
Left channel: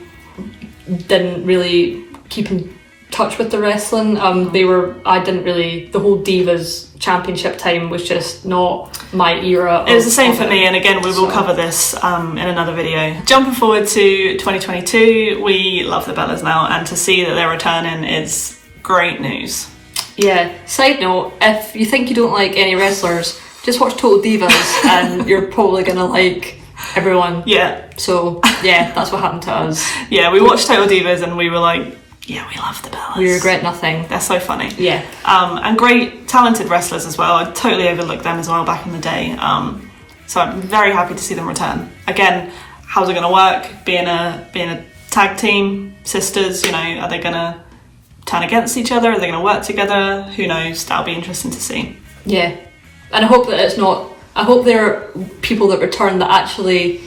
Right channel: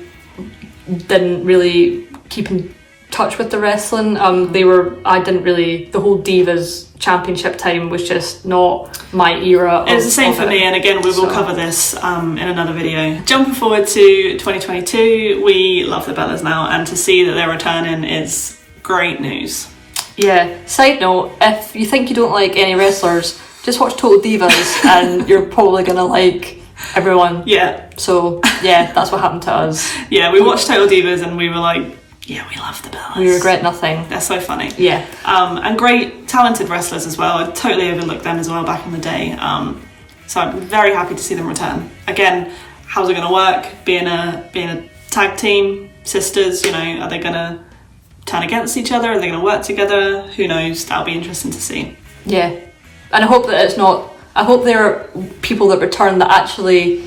didn't really keep in touch with the wrestling. I didn't really... The whole Divas Championship time was just not my era. It was the same for me, and again, we will cover this in another video. Jumping forward to 2022, we love the Bellas now, and to see that they're returning is great news. Yeah. Side note, if you think you don't like any wrestlers, just watch Total Divas and you're probably gonna like everyone. Yeah. So yeah, that's what happened to us. Yeah, we watched Total Divas and we were like, yeah, we love the Bellas. We regret nothing. They're so funny. Yeah. And great, talented wrestlers as well. I totally overlooked them as well back in the day. So I'm very happy to see them return. Again, how's it gonna work? Being a tag team, sisters, you know, are they gonna turn against each other? Are they going to work together? Who knows? That'll be interesting to see. Yeah, and I hope that it's not... I hope there are people that return that actually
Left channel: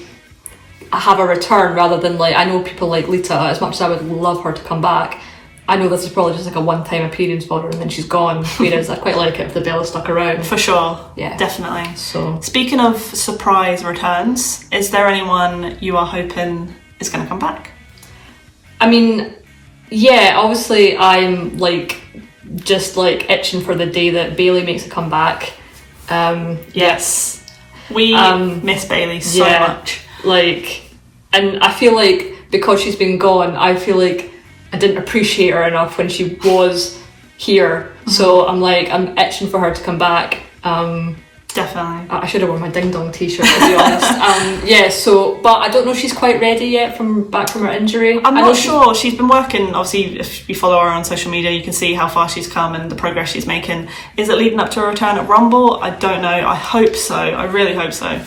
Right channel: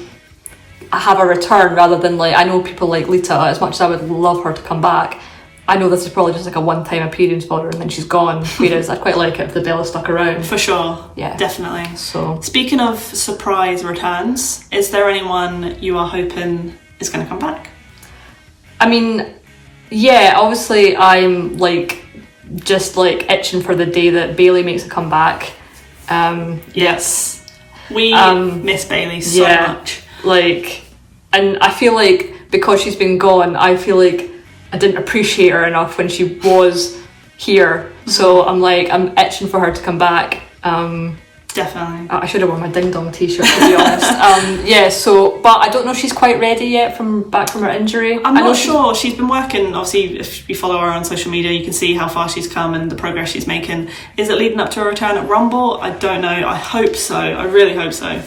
have a return, rather than like... I know people like Lita, as much as I would love her to come back, I know this is probably just like a one-time appearance for her and then she's gone, whereas I'd quite like it if the Bella stuck around. For sure. Yeah. Definitely. So, speaking of surprise returns, is there anyone you are hoping is going to come back? I mean... Yeah, obviously I'm like just like itching for the day that Bayley makes a comeback. Yes, we miss Bayley so much. Like, and I feel like because she's been gone, I feel like I didn't appreciate her enough when she was here. Mm-hmm. So I'm itching for her to come back. Definitely. I should have worn my Ding Dong t-shirt, to be honest. But I don't know if she's quite ready yet from her injury. I'm not sure. She's been working, obviously, if you follow her on social media, you can see how far she's come and the progress she's making. Is it leading up to a return at Rumble? I don't know. I hope so. I really hope so.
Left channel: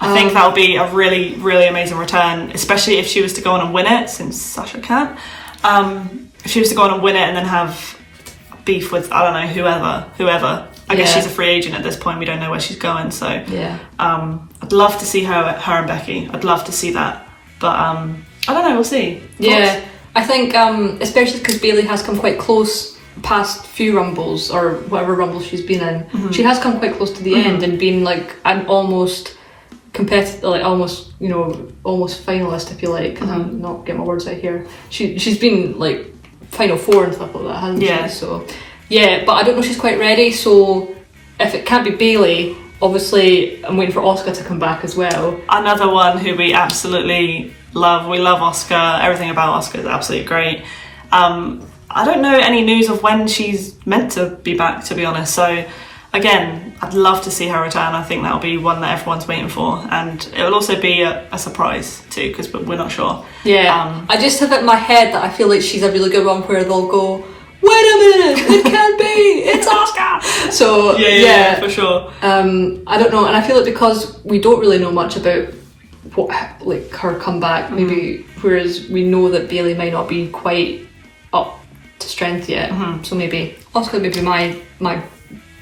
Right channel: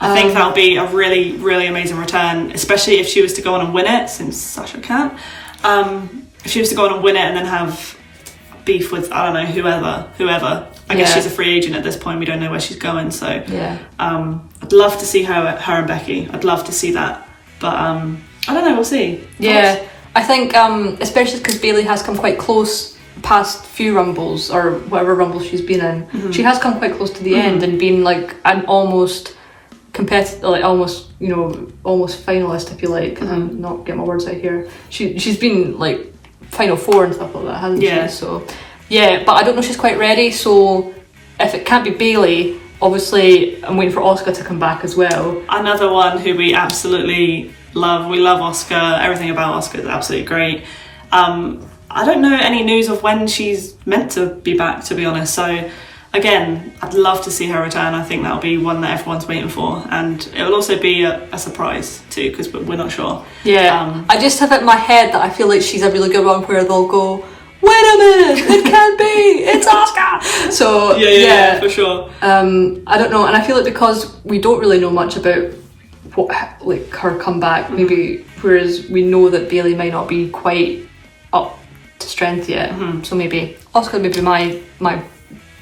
I think that'll be a really, really amazing return, especially if she was to go on and win it, since Sasha can't. if she was to go on and win it and then have beef with, I don't know, whoever. I guess she's a free agent at this point. We don't know where she's going. So I'd love to see her and Becky. I'd love to see that. But I don't know. We'll see. Yeah, I think especially because Bayley has come quite close past few Rumbles or whatever Rumble she's been in. She has come quite close to the end and been like an almost competitive, like almost finalist, if you like. I'm not getting my words out here. She's been like Final Four and stuff like that, hasn't she? So yeah, but I don't know if she's quite ready. So if it can't be Bayley, obviously I'm waiting for Asuka to come back as well. Another one who we absolutely love. We love Asuka. Everything about Asuka is absolutely great. I don't know any news of when she's meant to be back, to be honest. So again, I'd love to see her return. I think that'll be one that everyone's waiting for, and it will also be a surprise too, because we're not sure. Yeah, I just have it in my head that I feel like she's a really good one where they'll go, wait a minute, it can't be, it's Asuka. So yeah, for sure. I don't know, and I feel like because we don't really know much about what like her comeback, maybe, whereas we know that Bayley might not be quite up to strength yet. So maybe Asuka would be my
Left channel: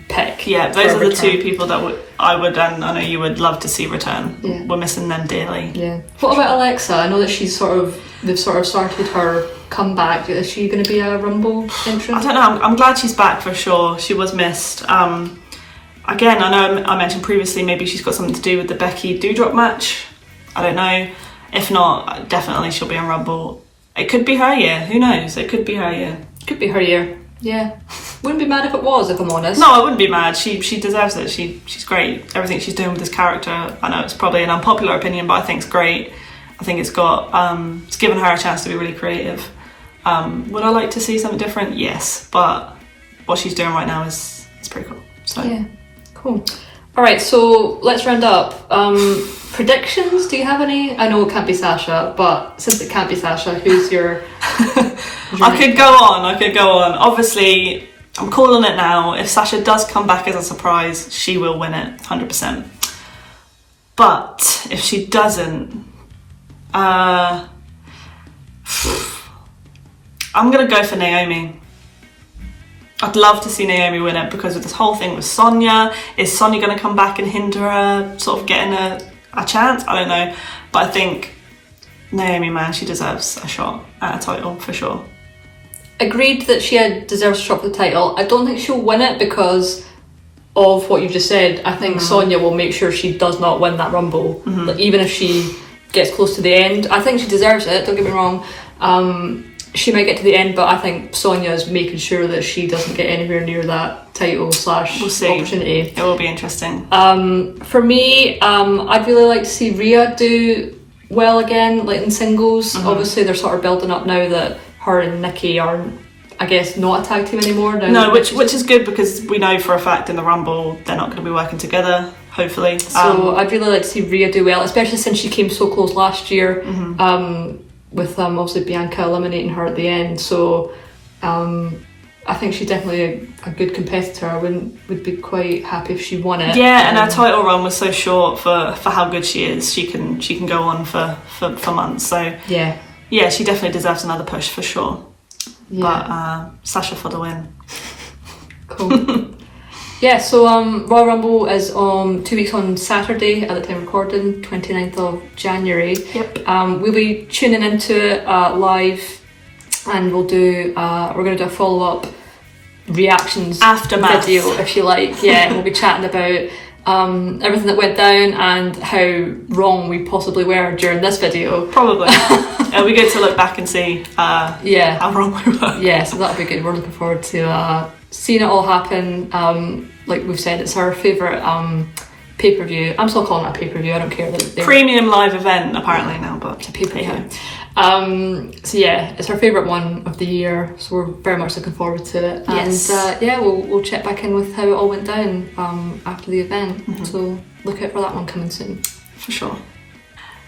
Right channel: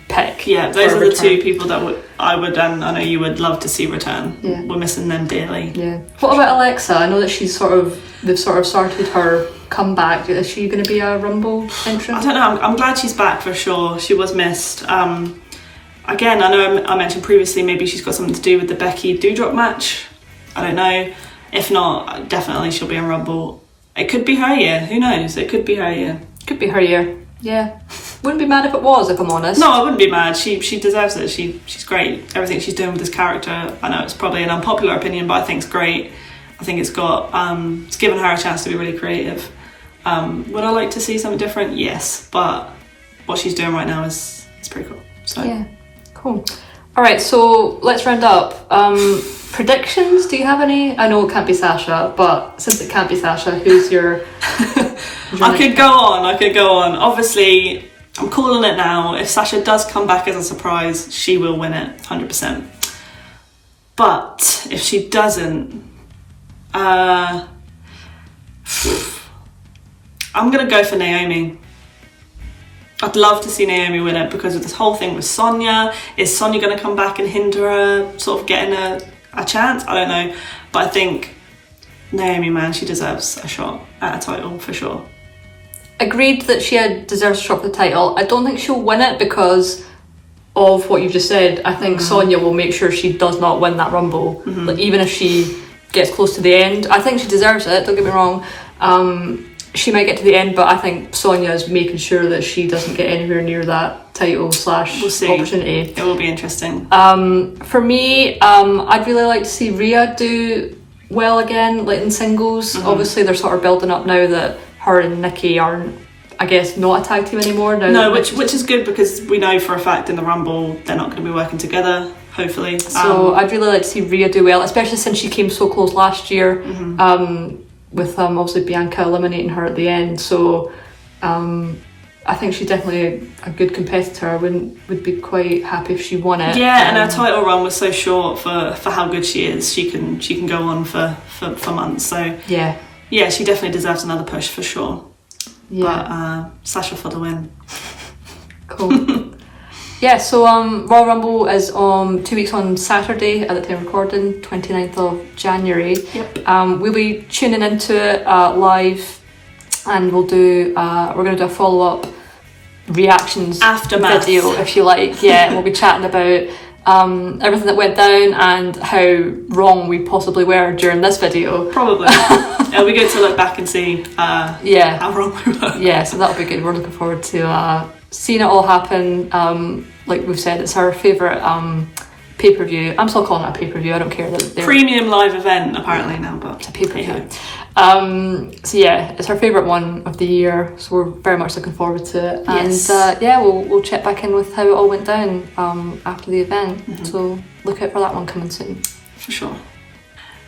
pick. Yeah, those are the two people that I would, and I know you would love to see return. Yeah. We're missing them dearly. Yeah. What about Alexa? I know that they've sort of started her comeback. Is she going to be a Rumble entrant? I don't know. I'm glad she's back for sure. She was missed. Again, I know I mentioned previously maybe she's got something to do with the Becky Doudrop match. I don't know. If not, definitely she'll be in Rumble. It could be her year. Who knows? It could be her year. Could be her year. Yeah. Wouldn't be mad if it was, if I'm honest. No, I wouldn't be mad. She deserves it. She's great. Everything she's doing with this character, I know it's probably an unpopular opinion, but I think it's great. I think it's given her a chance to be really creative. Would I like to see something different? Yes, but what she's doing right now is pretty cool. So yeah, cool. All right, so let's round up. Predictions? Do you have any? I know it can't be Sasha, but since it can't be Sasha, who's your? I could go on. Obviously, I'm calling it now. If Sasha does come back as a surprise, she will win it, 100%. But if she doesn't, I'm gonna go for Naomi. I'd love to see Naomi win it because of this whole thing with Sonya. Is Sonya going to come back and hinder her sort of getting a chance? I don't know. But I think Naomi, man, she deserves a shot at a title for sure. Agreed that she deserves a shot for the title. I don't think she'll win it because of what you just said. I think Sonya will make sure she does not win that Rumble. Like, even if she gets close to the end. I think she deserves it, don't get me wrong. She might get to the end, but I think Sonya's making sure that she doesn't get anywhere near that title / opportunity. It will be interesting. For me, I'd really like to see Rhea do well again, like in singles. Obviously, they're sort of building up now that her and Nikki are, I guess, not a tag team anymore. No, which is good because we know for a fact in the Rumble they're not going to be working together, hopefully. So I'd really like to see Rhea do well, especially since she came so close last year. With obviously Bianca eliminating her at the end, so I think she's definitely a good competitor. I would be quite happy if she won it. Yeah, and her title run was so short for how good she is. She can go on for months. So yeah, she definitely deserves another push for sure. Yeah. But Sasha for the win. Cool. Yeah, so Royal Rumble is 2 weeks on Saturday at the time of recording, 29th of January. Yep. We'll be tuning into it live, and we're going to do a follow-up reactions aftermath video, if you like. Yeah, we'll be chatting about everything that went down and how wrong we possibly were during this video. Probably. It'll be good to look back and see how wrong we were. Yeah, so that'll be good. We're looking forward to seeing it all happen. Like we've said, it's our favourite pay-per-view. I'm still calling it a pay-per-view, I don't care that they're premium live event apparently now, but it's a pay-per-view. So yeah, it's our favourite one of the year, so we're very much looking forward to it. Yes. And we'll check back in with how it all went down after the event. So look out for that one coming soon. For sure.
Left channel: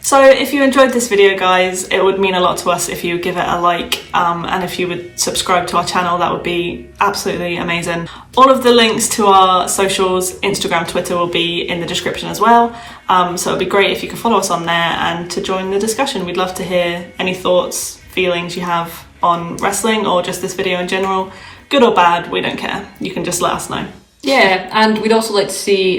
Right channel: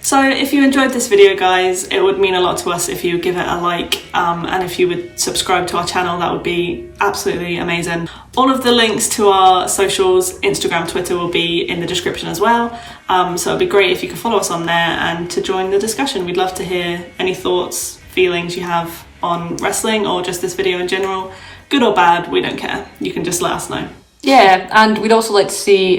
So if you enjoyed this video, guys, it would mean a lot to us if you would give it a like, and if you would subscribe to our channel. That would be absolutely amazing. All of the links to our socials, Instagram, Twitter, will be in the description as well. So it'd be great if you could follow us on there and to join the discussion. We'd love to hear any thoughts, feelings you have on wrestling or just this video in general. Good or bad, we don't care. You can just let us know. Yeah, and we'd also like to see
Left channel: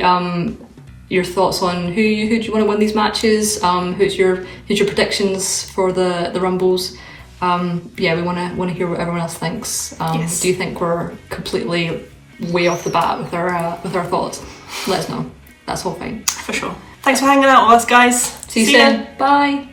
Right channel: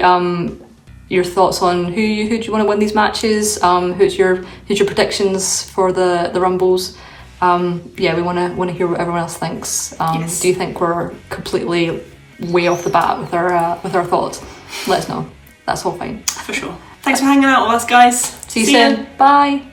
your thoughts on who do you want to win these matches. Who's your predictions for the Rumbles? Yeah, we want to hear what everyone else thinks. Yes. Do you think we're completely way off the bat with our thoughts? Let us know. That's all fine. For sure. Thanks for hanging out with us, guys. See you soon. Bye.